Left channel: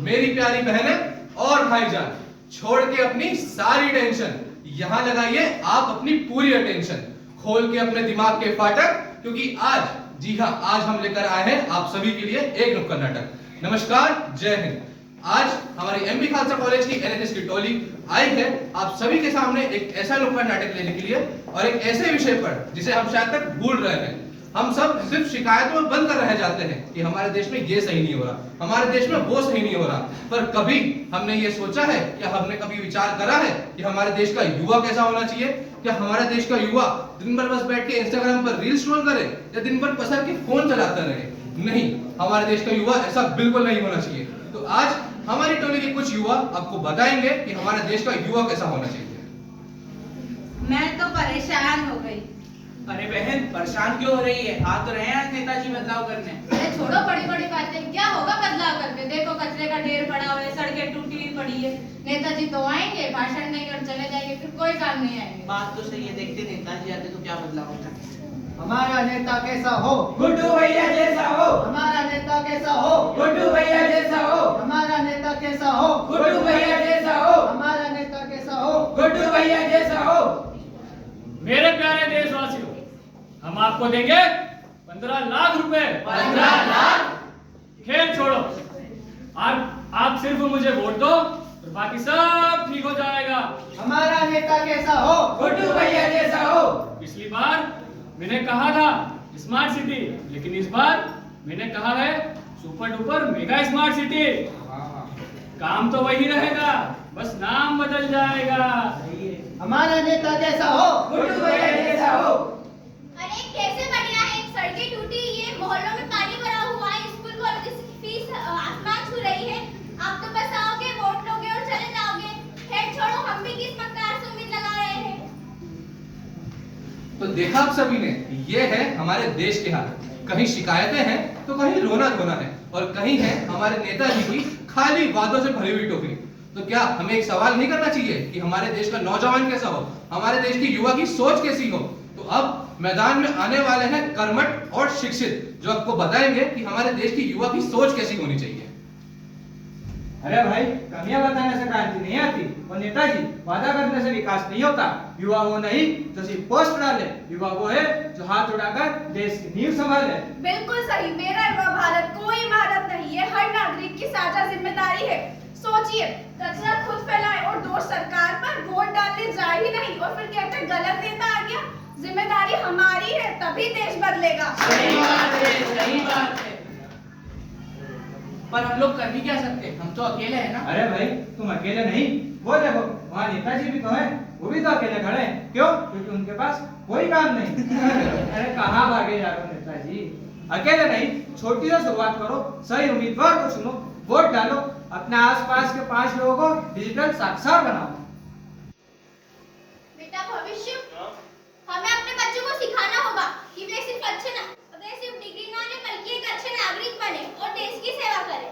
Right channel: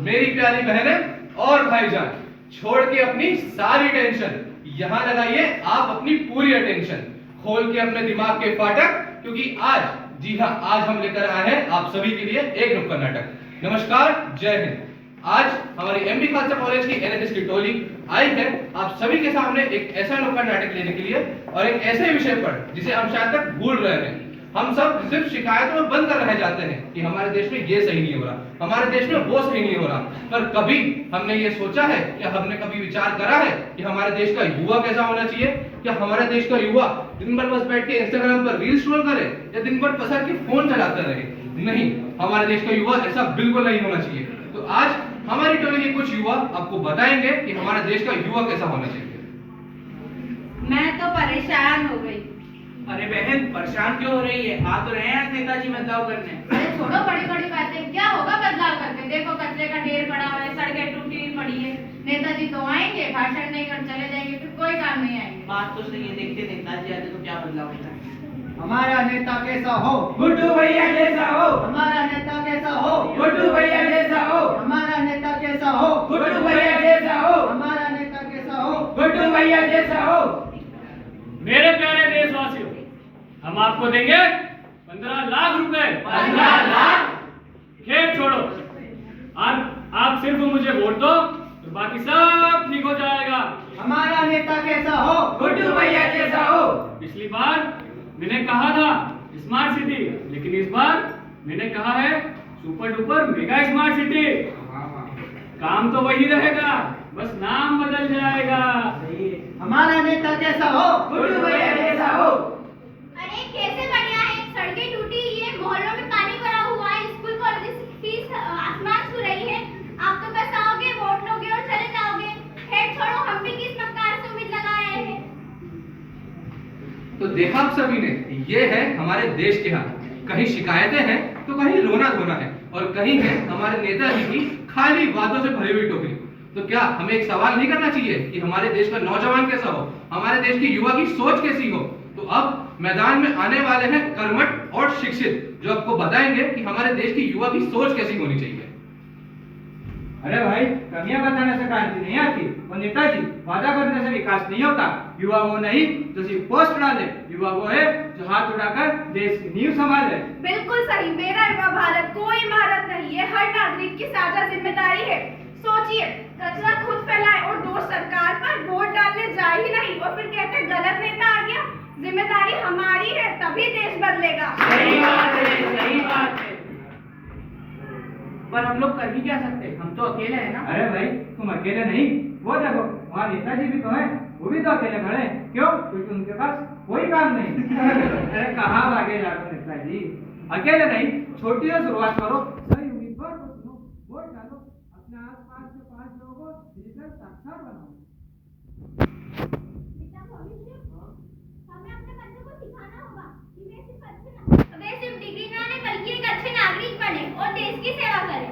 मेरी प्यारी बहनें और भाईजान, छोड़ के अपनी सारी टेंशन, यहाँ लगाइए आप अपनी पूरी अटेंशन, खोल के अपने दिमाग के फाटक, क्योंकि आज, जी हाँ, आज हम लेकर आए हैं आप सभी के लिए एक नुक्कड़ नाटक। नमस्कार, जय हिंद। आज हमारी एमबी खालसा कॉलेज की एनएसएस की टोली आई है आप सभी के सामने एक ऐसा नुक्कड़ नाटक लेने के लिए और एक ऐसे विषय पर जिसे हम शायद तक भूल रहे हैं। हम सब सिर्फ शिकायतों में बंद कर रह जाते हैं कि हमारे देश में ये सही नहीं हो रहा, हमारे देश में वो सही नहीं हो रहा, पर कभी हमने ये सोचा है या हमने कभी विचार करा है कि हमारे देश का युवा कैसा होना चाहिए? क्या हमारे देश का युवा दिन भर बस बैठ के इंस्टाग्राम पर रील स्क्रॉल करे या दिन भर पसर के फोन चलाता रहे? नहीं, हमारे देश का युवा ऐसा बिल्कुल नहीं होना चाहिए। तो आज हमारी टोली के कुछ युवा आपको बताएंगे कि हमारे देश का युवा कैसा होना चाहिए। मैं तो परेशान हो गई। अरे बहन, परेशान क्यों हो रही है? आ तो रहे हैं नेताजी बदलाव करने। अरे छोड़ो बड़ी बड़ी बातें, क्या होगा बदलाव करके? देखो कचरे का ढेर पड़ा हुआ है, सड़कें टूटी हुई पड़ी है। नेताजी तो आएंगे, भाषण नहीं कर चले जाएंगे, फिर कोई काम नहीं आएंगे। बात तो सही है, देखते नेताजी आते तो क्या बदलाव होता है। हमारा नेता कैसा हो? गुड्डू भैया जैसा हो। हमारा नेता कैसा हो? गुड्डू भैया जैसा हो। हमारा नेता कैसा हो? गुड्डू भैया जैसा हो। हमारा नेता कैसा हो? गुड्डू भैया जैसा हो। मेरे प्यारे देशवासियों, हम आपको देंगे 15 लाख रुपए। 15 लाख? खेल छोड़ो, आप सिर्फ मुझे वोट दो तो बाकी सब ठीक हो जाएगा। हमारा नेता कैसा हो? गुड्डू भैया जैसा हो। पिछली बार मैंने कहा था स्मार्ट सिटी, लेकिन इस बार मैंने कहा है super duper mega smart city. काम तो वही रहेगा, बस नाम बदल जाएगा। हमारा नेता कैसा हो? गुड्डू भैया जैसा हो। अरे कैसे बढ़िया है, सड़कें टूटी है, मोहल्लों में पानी भरा हुआ है, स्कूल कॉलेज की फीस आसमान छू रही है। आप तो बस आओगे, वोट लोगे और चले जाओगे। खैर छोड़ो, हम भी किस्मतदार से उम्मीद लगा रहे हैं। तो देखा आप सभी ने, ये है हमारे देश के हाल। कहीं शिकायतें हैं तो कहीं रोना धोना है और कहीं है हमारे नेताजी की खाली वादों से भरी हुई टोकरी। तो क्या हमें एक सवाल नहीं करना चाहिए कि हमारे देश का नौजवान कैसा हो, हमारे देश के युवा की सोच कैसी हो? तो अब मैदान में आने वाले हैं कर्मठ और शिक्षित, जो आपको बताएंगे कि हमारे देश की युवा की सोच कैसी होनी चाहिए। अरे भाई, कमियां बताने से क्रांति नहीं आती और नेताजी वादा करने से विकास नहीं होता। युवा वो नहीं जो सिर्फ पोस्ट डाले, युवा वो है जो हाथ उठाकर देश की नींव संभाले। बिल्कुल सही, मेरा युवा भारत कोई इमारत नहीं है, हर नागरिक की साझा जिम्मेदारी है। सोचिए, कचरा खुद फैलाए और दोष सरकार पर, वोट डालने जा ही नहीं और फिर कहते हैं गलत नेता आ गया। जिम्मेदारी हमारी है, तभी देश बदलेगा। सही बात है, सही बात है। पर हम लोग कर भी क्या सकते हैं? हम तो अकेले हैं ना। अरे भाई, तुम अकेले नहीं, वो देखो वहाँ नेताजी भी तो हैं, वो भी तो अकेले खड़े हैं। क्यों? क्योंकि उनके पास कोई काम नहीं। अरे कहाँ भागे जा रहे हो नेताजी? अकेले नहीं, छोटी से शुरुआत करो, सही उम्मीदवार को चुनो, वोट डालो, अपने आसपास के 5 लोगों को डिजिटल साक्षर बनाओ। बेटा भविष्य, हमें अपने बच्चों को सिखाना होगा कि वे सिर्फ डिग्री ना लें बल्कि एक अच्छे नागरिक बने और देश की सेवा करें।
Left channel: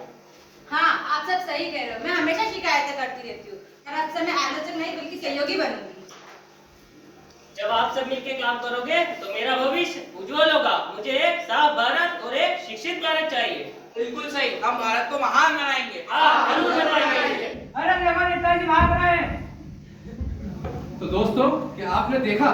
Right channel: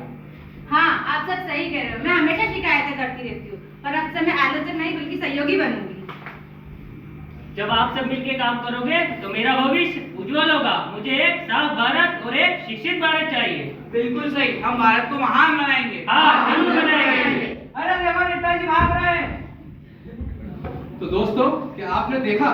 हाँ, आप सब सही कह रहे हो। मैं हमेशा शिकायतें करती रहती हूँ और अक्सर मैं आलोचक नहीं बल्कि सहयोगी बनूंगी। जब आप सब मिलके काम करोगे तो मेरा भविष्य उज्जवल होगा। मुझे एक साफ भारत और एक शिक्षित भारत चाहिए। बिल्कुल सही, हम भारत को महान बनाएंगे। हाँ, जरूर बनाएंगे। अरे देखो नेताजी भाग रहे हैं। तो दोस्तों, क्या आपने देखा,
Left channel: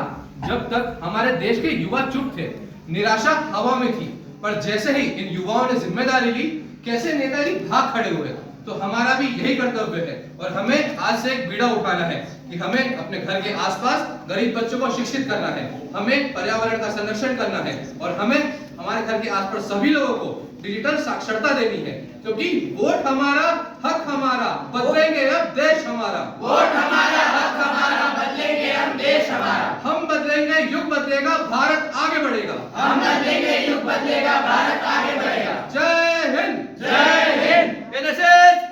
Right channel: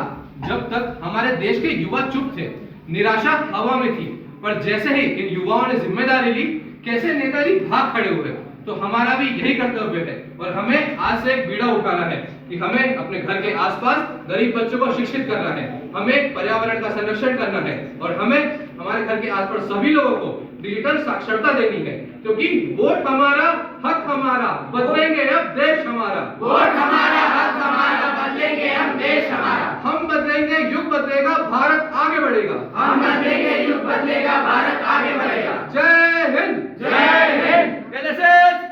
जब तक हमारे देश के युवा चुप थे, निराशा हवा में थी, पर जैसे ही इन युवाओं ने जिम्मेदारी ली, कैसे नेताजी भाग खड़े हुए। तो हमारा भी यही कर्तव्य है और हमें आज से एक बीड़ा उठाना है कि हमें अपने घर के आसपास गरीब बच्चों को शिक्षित करना है, हमें पर्यावरण का संरक्षण करना है और हमें हमारे घर के आसपास सभी लोगों को डिजिटल साक्षरता देनी है, क्योंकि वोट हमारा, हक हमारा, बदलेंगे अब देश हमारा। वोट हमारा, हक हमारा, बदलेंगे हम देश हमारा। हम बदलेंगे, युग बदलेगा, भारत आगे बढ़ेगा। हम बदलेंगे, युग बदलेगा, भारत आगे बढ़ेगा। जय हिंद। जय हिंद। एनएसएस